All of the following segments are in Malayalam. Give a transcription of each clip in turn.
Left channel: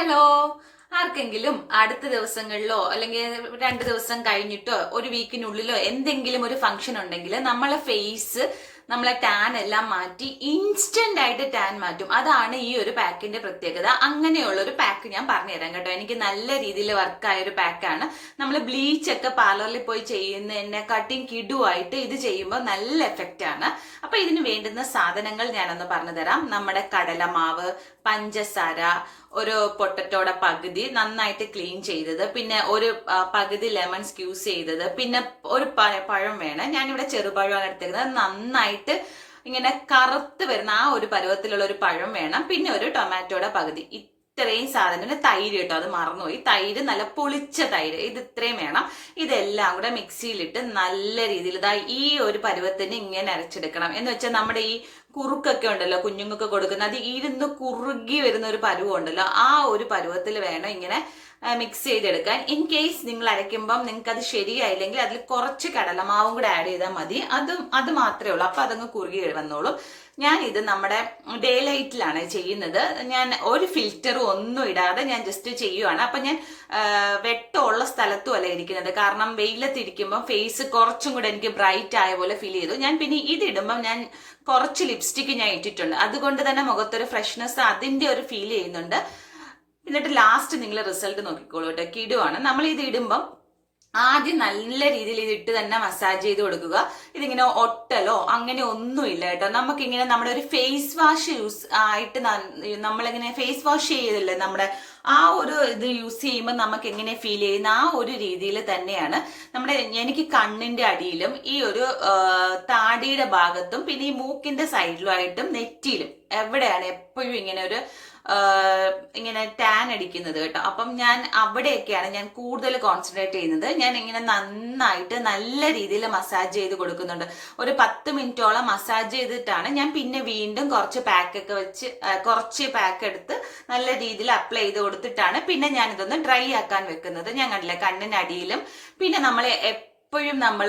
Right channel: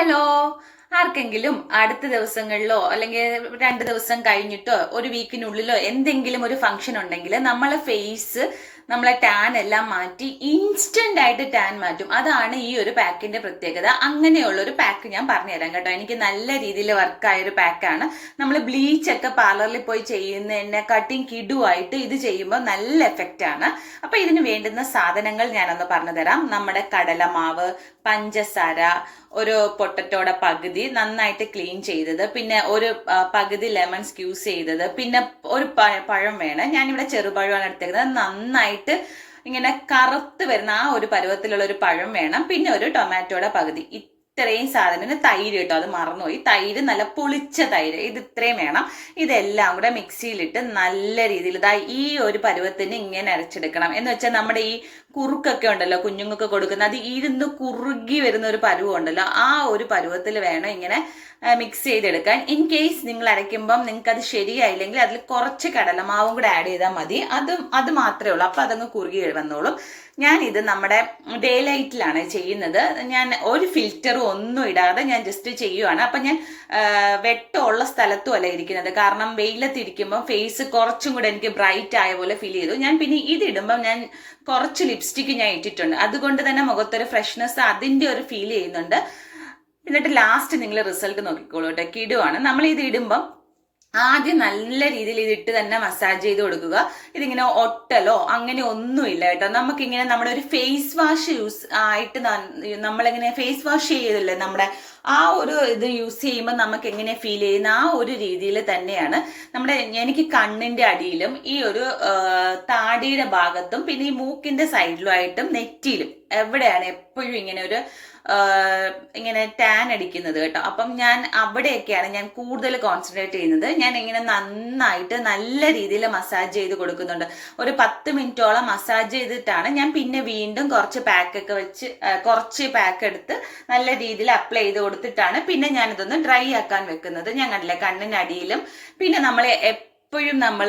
hello. ആർക്കെങ്കിലും അടുത്ത ദിവസങ്ങളിലോ അല്ലെങ്കിൽ രണ്ട് ദിവസം കഴിഞ്ഞിട്ടോ ഒരു വീക്കിനുള്ളിലോ എന്തെങ്കിലും ഒരു ഫംഗ്ഷൻ ഉണ്ടെങ്കിൽ നമ്മളെ ഫേസ് നമ്മളെ ടാൻ എല്ലാം മാറ്റി ഇൻസ്റ്റന്റ് ആയിട്ട് ടാൻ മാറ്റും. അതാണ് ഈ ഒരു പാക്കിന്റെ പ്രത്യേകത. അങ്ങനെയുള്ള ഒരു പാക്ക് ഞാൻ പറഞ്ഞു തരാം കേട്ടോ. എനിക്ക് നല്ല രീതിയിൽ വർക്കായ ഒരു പാക്കാണ് നമ്മൾ ബ്ലീച്ച് ഒക്കെ പാർലറിൽ പോയി ചെയ്യുന്നതിനെ കട്ടിങ് കിടുവായിട്ട് ഇത് ചെയ്യുമ്പോൾ നല്ല എഫക്റ്റ് ആണ്. അപ്പൊ ഇതിന് വേണ്ടുന്ന സാധനങ്ങൾ ഞാനൊന്ന് പറഞ്ഞു തരാം. നമ്മുടെ കടലമാവ് പഞ്ചസാര ഒരു പൊട്ടറ്റോടെ പകുതി നന്നായിട്ട് ക്ലീൻ ചെയ്തത്. പിന്നെ ഒരു പകുതി ലെമൺ സ്ക്യൂസ് ചെയ്തത്. പിന്നെ ഒരു പഴം വേണം. ഞാനിവിടെ ചെറുപഴമാണ് എടുത്തേക്കുന്നത്. നന്നായിട്ട് ഇങ്ങനെ കറുത്ത് വരുന്ന ആ ഒരു പരുവത്തിലുള്ള ഒരു പഴം വേണം. പിന്നെ ഒരു ടൊമാറ്റോയുടെ പകുതി. ഇത്രയും സാധനം പിന്നെ തൈര് കേട്ടോ. അത് മറന്നുപോയി. തൈര് നല്ല പൊളിച്ച തൈര്. ഇത് ഇത്രയും വേണം. ഇതെല്ലാം കൂടെ മിക്സിയിലിട്ട് നല്ല രീതിയിൽ ഇതാ ഈ ഒരു പരുവത്തിന് ഇങ്ങനെ അരച്ചെടുക്കണം. എന്ന് വെച്ചാൽ നമ്മുടെ ഈ കുറുക്കൊക്കെ ഉണ്ടല്ലോ കുഞ്ഞുങ്ങൾക്ക് കൊടുക്കുന്ന അത് ഇരുന്ന് കുറുകി വരുന്ന ഒരു പരുവം ഉണ്ടല്ലോ ആ ഒരു പരുവത്തിൽ വേണം ഇങ്ങനെ മിക്സ് ചെയ്തെടുക്കാൻ. ഇൻ കേസ് നിങ്ങൾ അരയ്ക്കുമ്പം നിങ്ങൾക്ക് അത് ശരിയായില്ലെങ്കിൽ അതിൽ കുറച്ച് കടലമാവും കൂടെ ആഡ് ചെയ്താൽ മതി. അതും അത് മാത്രമേ ഉള്ളൂ. അപ്പോൾ അതങ്ങ് കുറുകി വന്നോളും. ഞാൻ ഇത് നമ്മുടെ ഡേ ലൈറ്റിലാണ് ചെയ്യുന്നത്. ഞാൻ ഒരു ഫിൽറ്ററും ഒന്നും ഇടാതെ ഞാൻ ജസ്റ്റ് ചെയ്യുവാണ്. അപ്പം ഞാൻ വെട്ടമുള്ള സ്ഥലത്തും അല്ല ഇരിക്കുന്നത്. കാരണം വെയിലത്തിരിക്കുമ്പം ഫേസ് കുറച്ചും കൂടെ എനിക്ക് ബ്രൈറ്റ് ആയ പോലെ ഫീൽ ചെയ്തു. ഞാൻ പിന്നെ ഇതിടുമ്പം ഞാൻ കുറച്ച് ലിപ്സ്റ്റിക്ക് ഞാൻ ഇട്ടിട്ടുണ്ട്. അതുകൊണ്ട് തന്നെ മുഖത്തൊരു ഫ്രഷ്നെസ് അതിന്റെ ഒരു ഫീൽ ചെയ്യുന്നുണ്ട്. എന്നിട്ട് ലാസ്റ്റ് നിങ്ങൾ റിസൾട്ട് നോക്കിക്കോളൂ കേട്ടോ. കിടുവാണ്. നമ്മൾ ഇത് ഇടുമ്പം ആദ്യം നല്ല രീതിയിൽ ഇത് ഇട്ട് തന്നെ മസാജ് ചെയ്ത് കൊടുക്കുക. ഇതിങ്ങനെ ഒട്ടലോ അങ്ങനെ ഒന്നുമില്ല കേട്ടോ. നമുക്കിങ്ങനെ നമ്മുടെ ഒരു ഫേസ് വാഷ് യൂസ് ആയിട്ട് നമ്മളിങ്ങനെ ഫേസ് വാഷ് ചെയ്തില്ലേ നമ്മുടെ ആ ഒരു ഇത് യൂസ് ചെയ്യുമ്പോൾ നമുക്ക് എങ്ങനെ ഫീൽ ചെയ്യുന്ന ആ ഒരു രീതിയിൽ തന്നെയാണ് നമ്മുടെ എനിക്ക് കണ്ണിന്റെ അടിയിലും ഈ ഒരു താടിയുടെ ഭാഗത്തും പിന്നെ ഈ മൂക്കിന്റെ സൈഡിലുമായിട്ടും നെറ്റിയിലും എവിടെയാണ് എപ്പോഴും ഇങ്ങനെ ഒരു ഇങ്ങനെ ടാൻ അടിക്കുന്നത് കേട്ടോ. അപ്പം ഞാൻ അവിടെയൊക്കെയാണ് ഞാൻ കൂടുതൽ കോൺസെൻട്രേറ്റ് ചെയ്യുന്നത്. ഞാൻ ഇങ്ങനെ നന്നായിട്ട് നല്ല രീതിയിൽ മസാജ് ചെയ്ത് കൊടുക്കുന്നുണ്ട്. ഒരു പത്ത് മിനിറ്റോളം മസാജ് ചെയ്തിട്ടാണ് ഞാൻ പിന്നെ വീണ്ടും കുറച്ച് പാക്കൊക്കെ വെച്ച് കുറച്ച് പാക്ക് എടുത്ത് നല്ല രീതിയിൽ അപ്ലൈ ചെയ്ത് കൊടുത്തിട്ടാണ് പിന്നെ ഞാൻ ഇതൊന്ന് ഡ്രൈ ആക്കാൻ വെക്കുന്നത്. ഞങ്ങളുടെ കണ്ണിനടിയിലും. പിന്നെ നമ്മൾ എപ്പോഴും നമ്മൾ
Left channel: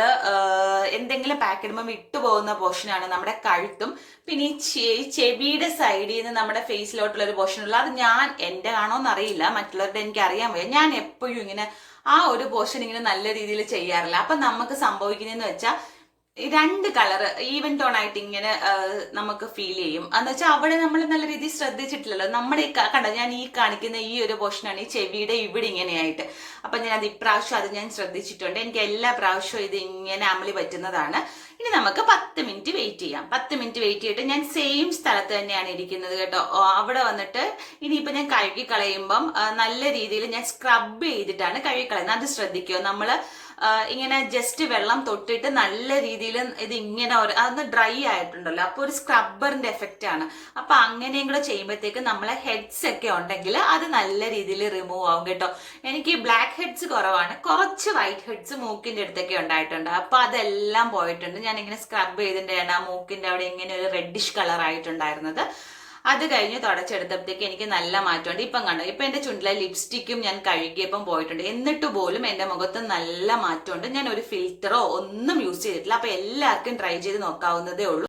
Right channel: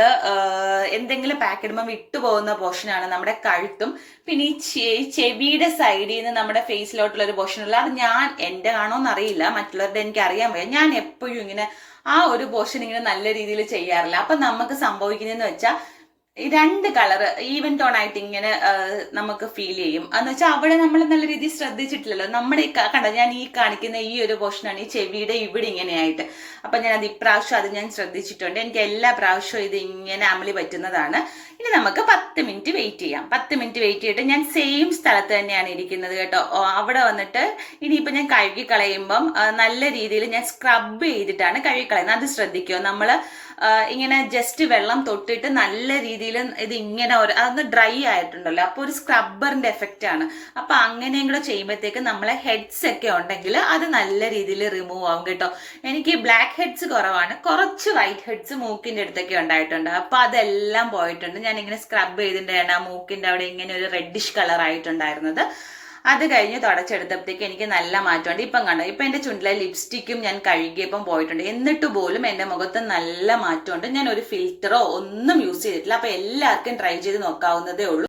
എന്തെങ്കിലും പാക്ക് ഇടുമ്പോൾ വിട്ടുപോകുന്ന പോർഷനാണ് നമ്മുടെ കഴുത്തും. പിന്നെ ഈ ചെവിയുടെ സൈഡിൽ നിന്ന് നമ്മുടെ ഫേസിലോട്ടുള്ള ഒരു പോർഷൻ ഉള്ള അത് ഞാൻ എന്റെ ആണോന്ന് അറിയില്ല മറ്റുള്ളവരുടെ എനിക്ക് അറിയാൻ വയ്യ. ഞാൻ എപ്പോഴും ഇങ്ങനെ ആ ഒരു പോർഷൻ ഇങ്ങനെ നല്ല രീതിയിൽ ചെയ്യാറില്ല. അപ്പൊ നമുക്ക് സംഭവിക്കുന്നതെന്ന് വെച്ചാൽ രണ്ട് കളർ ഈവൻ ടോൺ ആയിട്ട് ഇങ്ങനെ നമുക്ക് ഫീൽ ചെയ്യും. എന്ന് വെച്ചാൽ അവിടെ നമ്മൾ നല്ല രീതിയിൽ ശ്രദ്ധിച്ചിട്ടില്ലല്ലോ. നമ്മുടെ ഈ കണ്ട ഞാൻ ഈ കാണിക്കുന്ന ഈ ഒരു പോർഷനാണ് ഈ ചെവിയുടെ ഇവിടെ ഇങ്ങനെയായിട്ട്. അപ്പൊ ഞാൻ അത് ഇപ്രാവശ്യം അത് ഞാൻ ശ്രദ്ധിച്ചിട്ടുണ്ട്. എനിക്ക് എല്ലാ പ്രാവശ്യവും ഇത് ഇങ്ങനെ അമളി പറ്റുന്നതാണ്. ഇനി നമുക്ക് പത്ത് മിനിറ്റ് വെയിറ്റ് ചെയ്യാം. പത്ത് മിനിറ്റ് വെയിറ്റ് ചെയ്തിട്ട് ഞാൻ സെയിം സ്ഥലത്ത് തന്നെയാണ് ഇരിക്കുന്നത് കേട്ടോ. അവിടെ വന്നിട്ട് ഇനിയിപ്പോൾ ഞാൻ കഴുകി കളയുമ്പം നല്ല രീതിയിൽ ഞാൻ സ്ക്രബ് ചെയ്തിട്ടാണ് കഴുകി കളയുന്നത് അത് ശ്രദ്ധിക്കുക നമ്മൾ ഇങ്ങനെ ജസ്റ്റ് വെള്ളം തൊട്ടിട്ട് നല്ല രീതിയിൽ ഇത് ഇങ്ങനെ ഒരു അതൊന്ന് ഡ്രൈ ആയിട്ടുണ്ടല്ലോ. അപ്പോൾ ഒരു സ്ക്രബ്ബറിന്റെ എഫക്റ്റ് ആണ്. അപ്പൊ അങ്ങനെയും കൂടെ ചെയ്യുമ്പോഴത്തേക്ക് നമ്മളെ ഹെഡ്സ് ഒക്കെ ഉണ്ടെങ്കിൽ അത് നല്ല രീതിയിൽ റിമൂവ് ആവും കേട്ടോ. എനിക്ക് ബ്ലാക്ക് ഹെഡ്സ് കുറവാണ്. കുറച്ച് വൈറ്റ് ഹെഡ്സ് മൂക്കിന്റെ അടുത്തൊക്കെ ഉണ്ടായിട്ടുണ്ട്. അപ്പൊ അതെല്ലാം പോയിട്ടുണ്ട്. ഞാൻ ഇങ്ങനെ സ്ക്രബ് ചെയ്തിട്ടാണ് ആ മൂക്കിന്റെ അവിടെ ഇങ്ങനെ ഒരു റെഡിഷ് കളർ ആയിട്ടുണ്ടായിരുന്നത്. അത് കഴിഞ്ഞ് തുടച്ചെടുത്തപ്പോഴത്തേക്ക് എനിക്ക് നല്ല മാറ്റമുണ്ട്. ഇപ്പം കണ്ടോ ഇപ്പം എന്റെ ചുണ്ടിലെ ലിപ്സ്റ്റിക്കും ഞാൻ കഴുകിയപ്പം പോയിട്ടുണ്ട്. എന്നിട്ട് പോലും എന്റെ മുഖത്ത് നല്ല മാറ്റമുണ്ട്. ഞാൻ ഒരു ഫിൽറ്ററോ ഒന്നും യൂസ് ചെയ്തിട്ടില്ല. അപ്പം എല്ലാവർക്കും ട്രൈ ചെയ്ത് നോക്കാവുന്നതേ ഉള്ളൂ.